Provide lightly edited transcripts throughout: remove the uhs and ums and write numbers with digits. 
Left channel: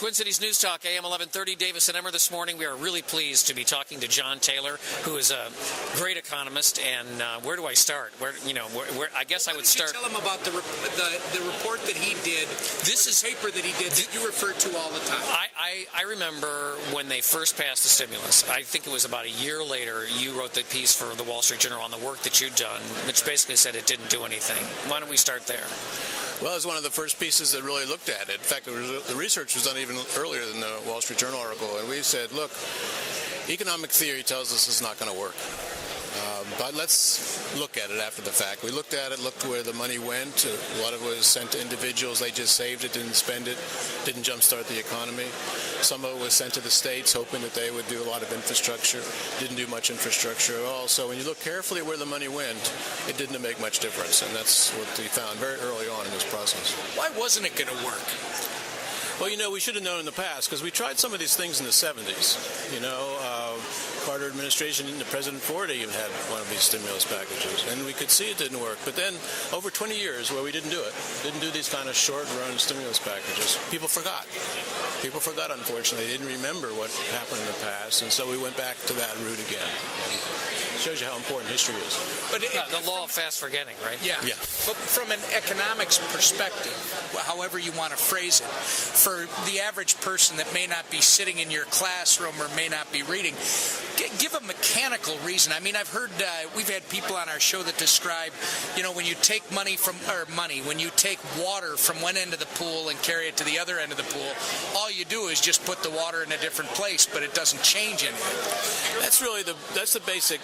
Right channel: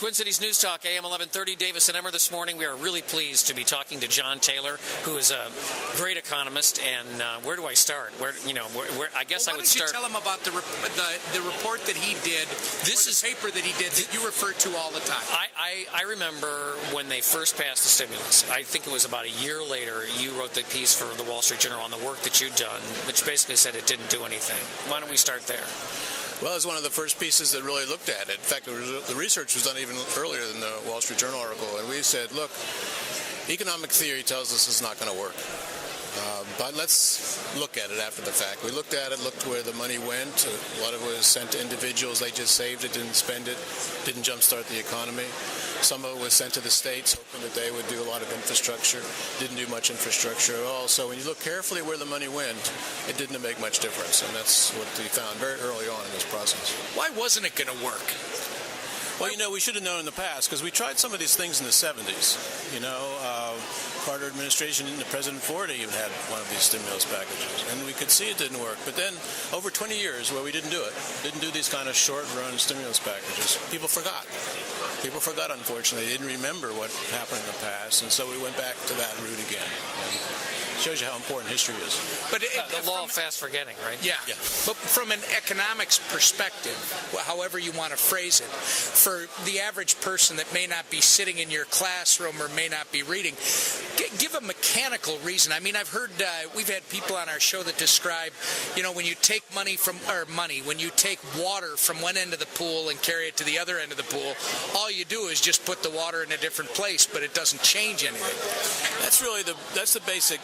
Twin Cities News Talk, AM 1130, Davis and Emmer this morning. We are really pleased to be talking to John Taylor, who is a great economist. And where do I start? I guess I would start. Tell him about the report that he did. This is paper that he did that you refer to all the time. I remember when they first passed the stimulus. I think it was about a year later. You wrote the piece for the Wall Street Journal on the work that you'd done, which basically said it didn't do anything. Why don't we start there? Well, it was one of the first pieces that really looked at it. In fact, the research was done even earlier than the Wall Street Journal article, and we said, look, economic theory tells us it's not going to work. But let's look at it after the fact. We looked at it, looked where the money went. A lot of it was sent to individuals. They just saved it, didn't spend it, didn't jumpstart the economy. Some of it was sent to the states, hoping that they would do a lot of infrastructure. Didn't do much infrastructure at all. So when you look carefully at where the money went, it didn't make much difference. And that's what we found very early on in this process. Why wasn't it going to work? Well, we should have known in the past, because we tried some of these things in the 70s. Carter administration, and President Ford even had one of these stimulus packages, and we could see it didn't work. But then, over 20 years where we didn't do these kind of short-run stimulus packages, people forgot. People forgot, unfortunately. They didn't remember what happened in the past, and so we went back to that route again. And it shows you how important history is. But the law of fast forgetting, right? Yeah. But from an economics perspective, however you want to phrase it, for the average person that may not be sitting in your classroom or may not be reading, give a mechanical reason. I mean, I've heard, we've had people on our show that describe, when you take when you take water from one end of the pool and carry it to the other end of the pool, all you do is just put the water in a different place, but it doesn't change anything. That's really the basic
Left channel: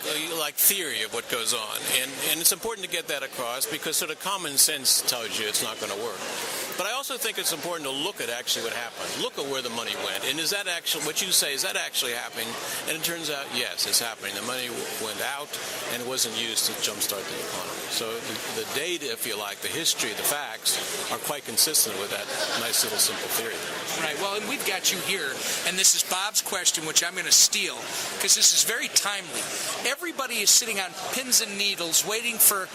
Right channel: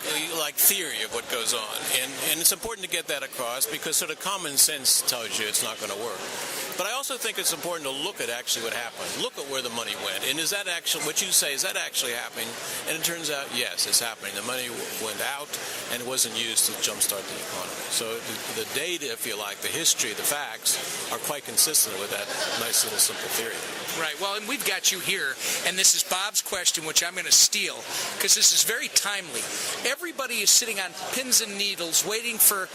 theory of what goes on, and it's important to get that across because sort of common sense tells you it's not going to work. But I also think it's important to look at actually what happened. Look at where the money went, and is that actually what you say? Is that actually happening? And it turns out, yes, it's happening. The money went out, and it wasn't used to jumpstart the economy. So the data, if you like, the history, the facts, are quite consistent with that nice little simple theory. Right. Well, and we've got you here, and this is Bob's question, which I'm going to steal, because this is very timely. Everybody is sitting on pins and needles waiting for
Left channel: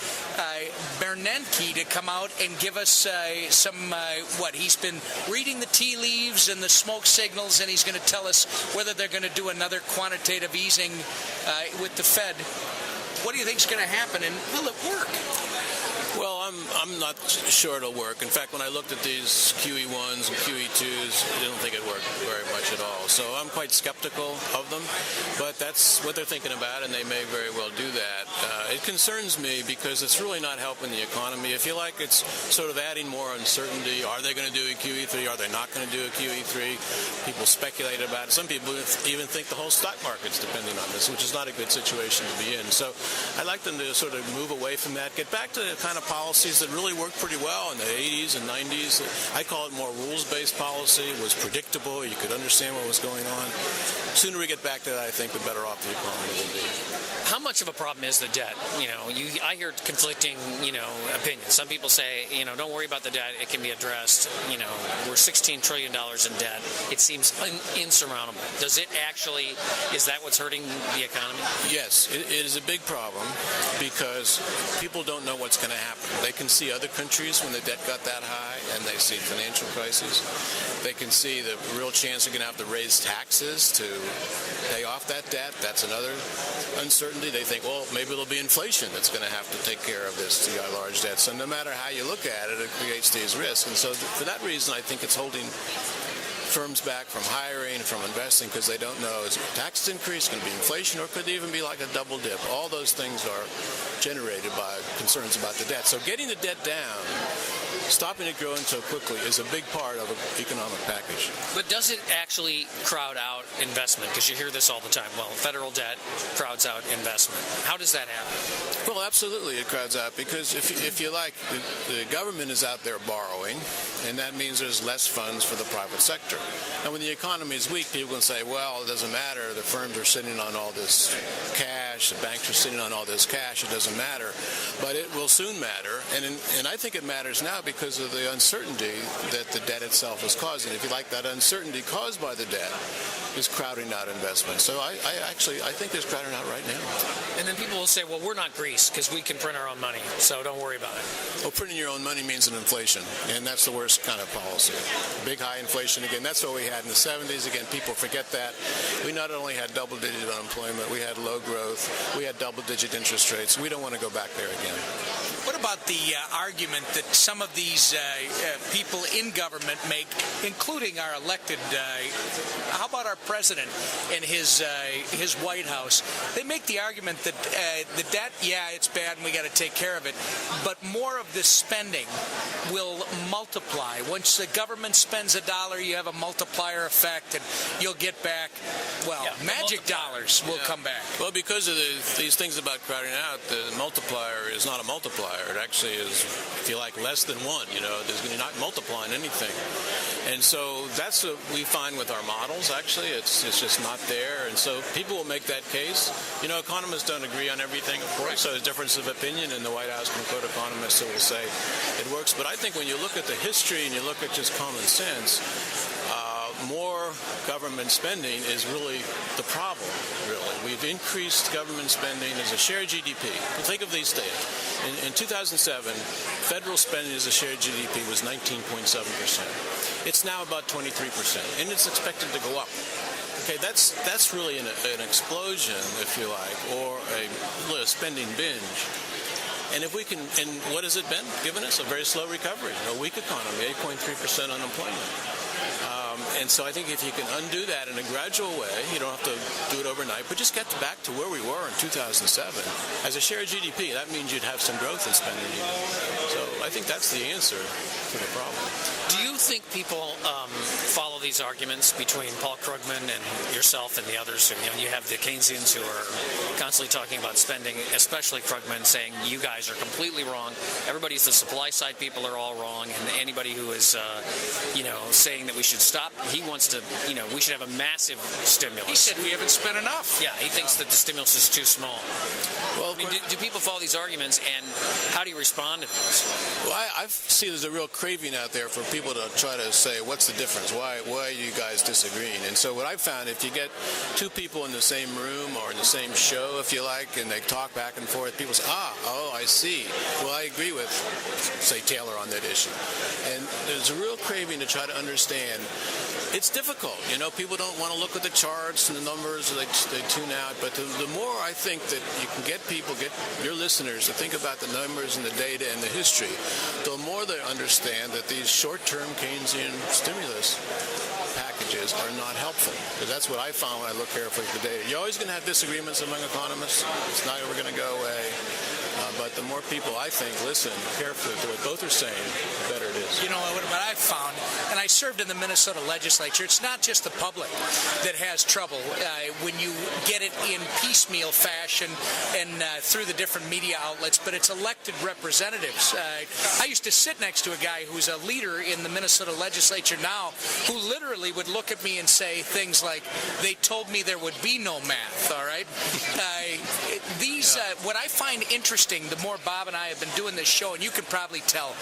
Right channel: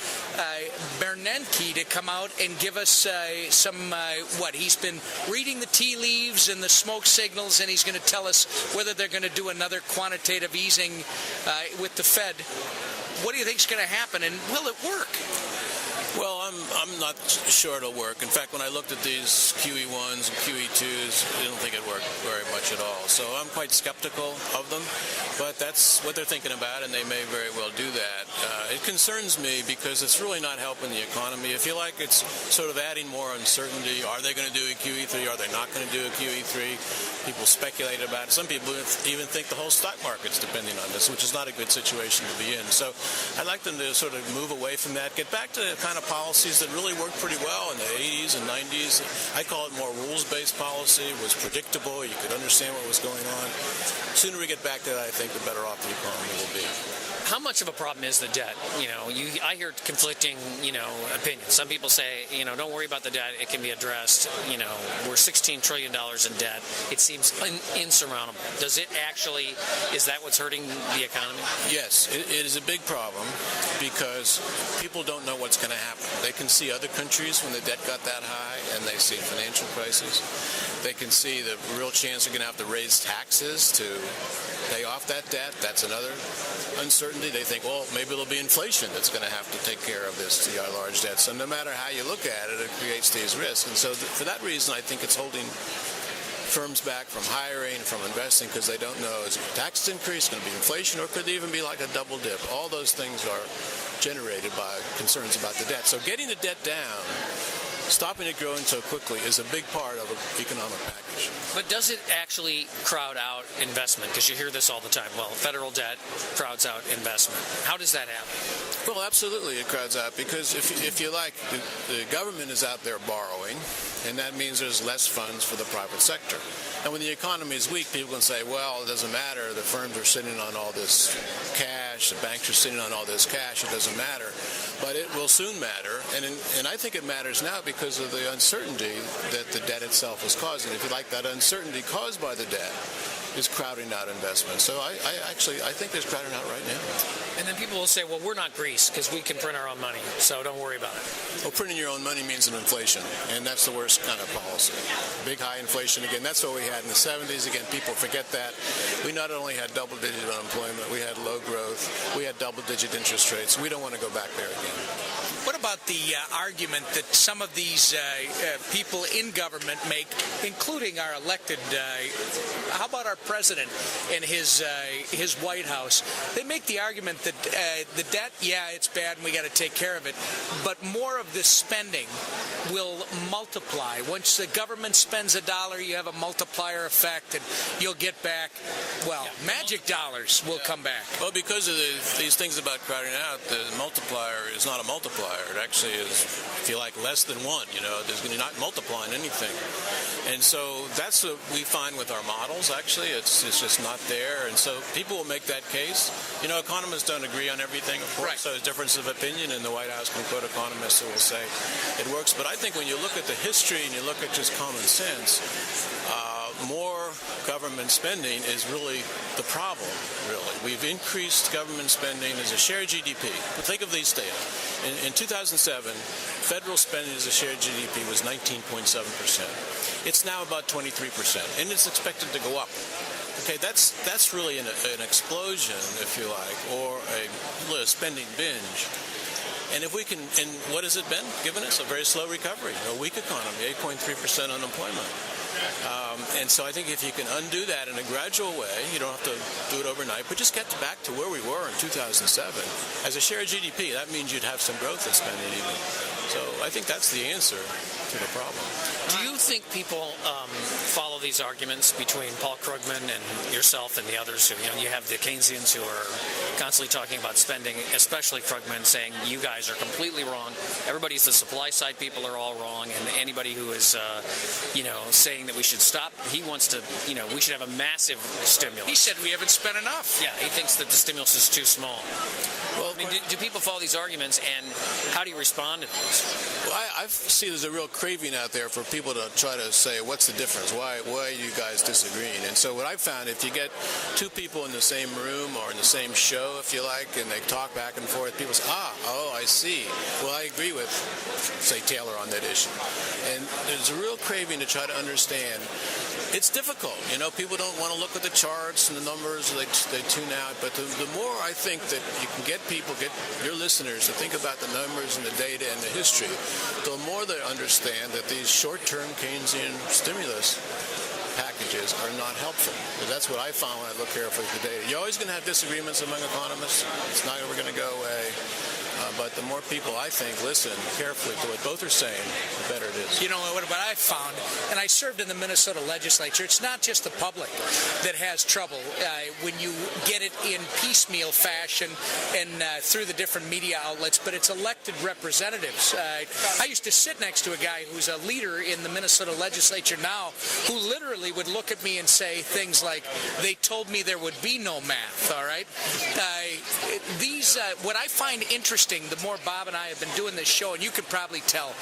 Bernanke to come out and give us some, he's been reading the tea leaves and the smoke signals, and he's going to tell us whether they're going to do another quantitative easing with the Fed. What do you think is going to happen, and will it work? Well, I'm not sure it'll work. In fact, when I looked at these QE1s and QE2s, I don't think it worked very much at all. So I'm quite skeptical of them, but that's what they're thinking about, and they may very well do that. It concerns me because it's really not helping the economy. If you like, it's sort of adding more uncertainty. Are they going to do a QE3? Are they not going to do a QE3? People speculate about it. Some people even think the whole stock market's depending on this, which is not a good situation to be in. So I'd like them to sort of move away from that, get back to kind of policies that really worked pretty well in the 80s and 90s. I call it more rules-based policy. It was predictable. You could understand what was going on. The sooner we get back to that, I think the better off the economy will be. How much of a problem is the debt? I hear conflicting, opinions. Some people say, don't worry about the debt. It can be addressed. We're $16 trillion in debt. It seems insurmountable. Is that what's hurting the economy? Yes, it is a big problem because people don't know what's going to happen. They can see other countries when the debt got that high and they see financial crises. They can see the real chance they're going to have to raise taxes to pay off that debt. That's another uncertainty. They think, well, maybe there'll be inflation that's going to have to take care of this large debt. So no matter how you look at it, it creates these risks. And so for that reason, I think it's holding firms back from hiring, from investing, because they don't know, is taxes increase, going to be inflation, or could it even be like a double dip? All those things are generated by concerns about the debt. So getting the debt down, stopping it growing so quickly is a big part of an economic package. But does it actually crowd out investment? Because you hear this all the time. Well, federal debt crowds out investment. How does that happen? Well, absolutely it crowds out because if you like, the government is out there borrowing, and that means there's less funds for the private sector. And when the economy is weak, people can say, well, it doesn't matter. The firms are sitting on all this cash. The banks are sitting on all this cash. It doesn't matter. But it will soon matter. And I think it matters now because of the uncertainty that the debt itself is causing. If you like, that uncertainty caused by the debt is crowding out investment. So I think there's crowding out right now. And then people will say, well, we're not Greece because we can print our own money, so don't worry about it. Well, printing your own money means an inflation, and that's the worst reverse kind of policy. Big high inflation again. That's what we had in the 70s. Again, people forget that. We not only had double-digit unemployment, we had low growth, we had double-digit interest rates. We don't want to go back there again. What about the argument that some of these people in government make, including our elected, how about our president and his White House? They make the argument that the debt, yeah, it's bad and we got to take care of it, but more of this spending will multiply. Once the government spends $1, you have a multiplier effect, and you'll get back, magic dollars will come back. Well, because of these things about crowding out, the multiplier is not a multiplier. It actually is, if you like, less than 1. You're not multiplying anything. And so that's what we find with our models, actually. It's just not there. And so people will make that case. Economists don't agree on everything, of course. So there's difference of opinion, and the White House can quote economists who will say it works. But I think when you look at the history and you look at just common sense, more government spending is really the problem, really. We've increased government spending as a share of GDP. But think of these data. In 2007, federal spending as a share of GDP was 19.7%. It's now about 23%, and it's expected to go up. Okay, that's really an explosion, if you like, or a spending binge. And if we can, and what has it been? Given us a very slow recovery, a weak economy, 8.3% unemployment. And so I think if you can undo that in a gradual way, you don't have to do it overnight, but just get back to where we were in 2007. As a share of GDP, that means you'd have some growth in spending even. So I think that's the answer to the problem. Do you think people follow these arguments between Paul Krugman and yourself and the others? Who, you have the Keynesians who are constantly talking about spending, especially Krugman saying you guys are completely wrong. Everybody's the supply side people are all wrong, and anybody who is, saying that we should stop, he wants to, we should have a massive stimulus. He said we haven't spent enough. Yeah, he thinks that the stimulus is too small. Well, do people follow these arguments, and how do you respond to those? Well, I see there's a real craving out there for people to try to say, what's the difference? Why are you guys disagreeing? And so what I've found, if you get two people in the same room or in the same show, if you like, and they talk back and forth, people say, I see. Well, I agree with, say, Taylor on that issue. And there's a real craving to try to understand. It's difficult. People don't want to look at the charts and the numbers, they tune out. But the more I think that you can get your listeners to think about the numbers and the data and the history, the more they understand that these short-term Keynesian stimulus packages are not helpful. Because that's what I found when I look carefully at the data. You're always going to have disagreements among economists. It's not ever going to go away. But the more people, I think, listen carefully to what both are saying, the better it is. What I found, and I served in the Minnesota legislature, it's not just the public that has trouble when you get it in piecemeal fashion and through the different media outlets, but it's elected representatives. I used to sit next to a guy who's a leader in the Minnesota legislature now who literally would look at me and say things like, they told me there would be no math, all right? What I find interesting, the more Bob and I have been doing this show, and you can probably tell,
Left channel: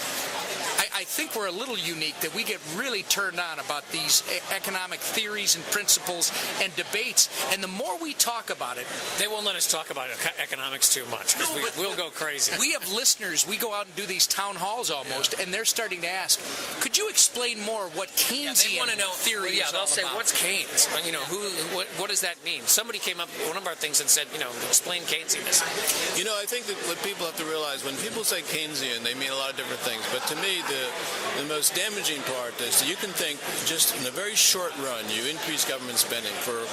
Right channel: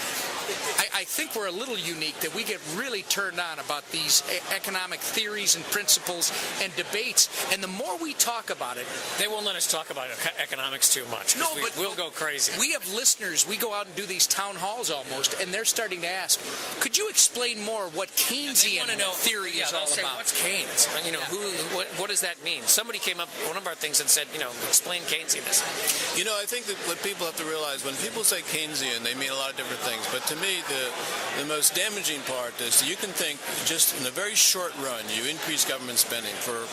I think we're a little unique that we get really turned on about these economic theories and principles and debates, and the more we talk about it... They won't let us talk about economics too much, because we'll go crazy. We have listeners, we go out and do these town halls almost, and they're starting to ask, could you explain more what Keynesian theory is all say, about? What's Keynes? What does that mean? Somebody came up, one of our things, and said, explain Keynesianism. I think that what people have to realize, when people say Keynesian, they mean a lot of different things. But to me, the most damaging part is that you can think just in a very short run, you increase government spending for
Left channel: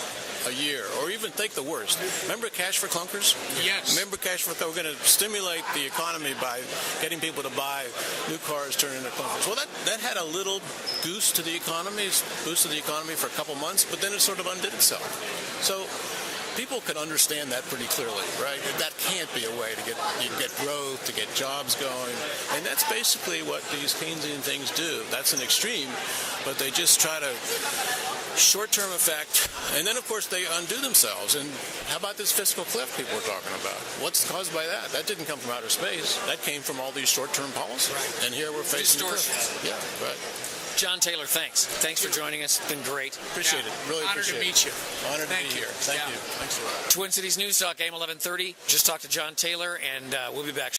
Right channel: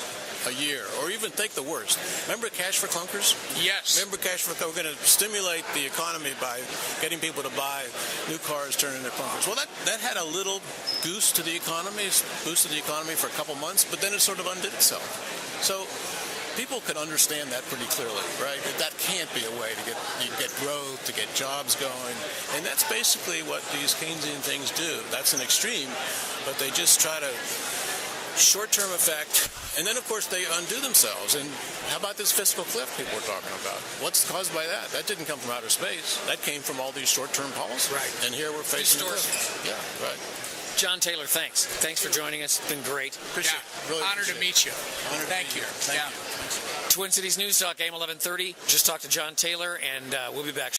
a year, or even think the worst. Remember cash for clunkers? Yes. Remember cash for clunkers? We're going to stimulate the economy by getting people to buy new cars, turn in their clunkers. Well, that had a little goose to the economy, boosted the economy for a couple months, but then it sort of undid itself. So people can understand that pretty clearly, right? That can't be a way to get growth, to get jobs going. And that's basically what these Keynesian things do. That's an extreme, but they just try to short-term effect, and then, of course, they undo themselves. And how about this fiscal cliff people were talking about? What's caused by that? That didn't come from outer space. That came from all these short-term policies. Right. And here we're facing the cliff. Yeah, right. John Taylor, thanks. Thanks for joining us. It's been great. Appreciate it. Really appreciate it. Honor to meet you. Honor to Thank be you. here. Thank you. Thanks a lot. Twin Cities News Talk, AM 1130. Just talked to John Taylor, and we'll be back.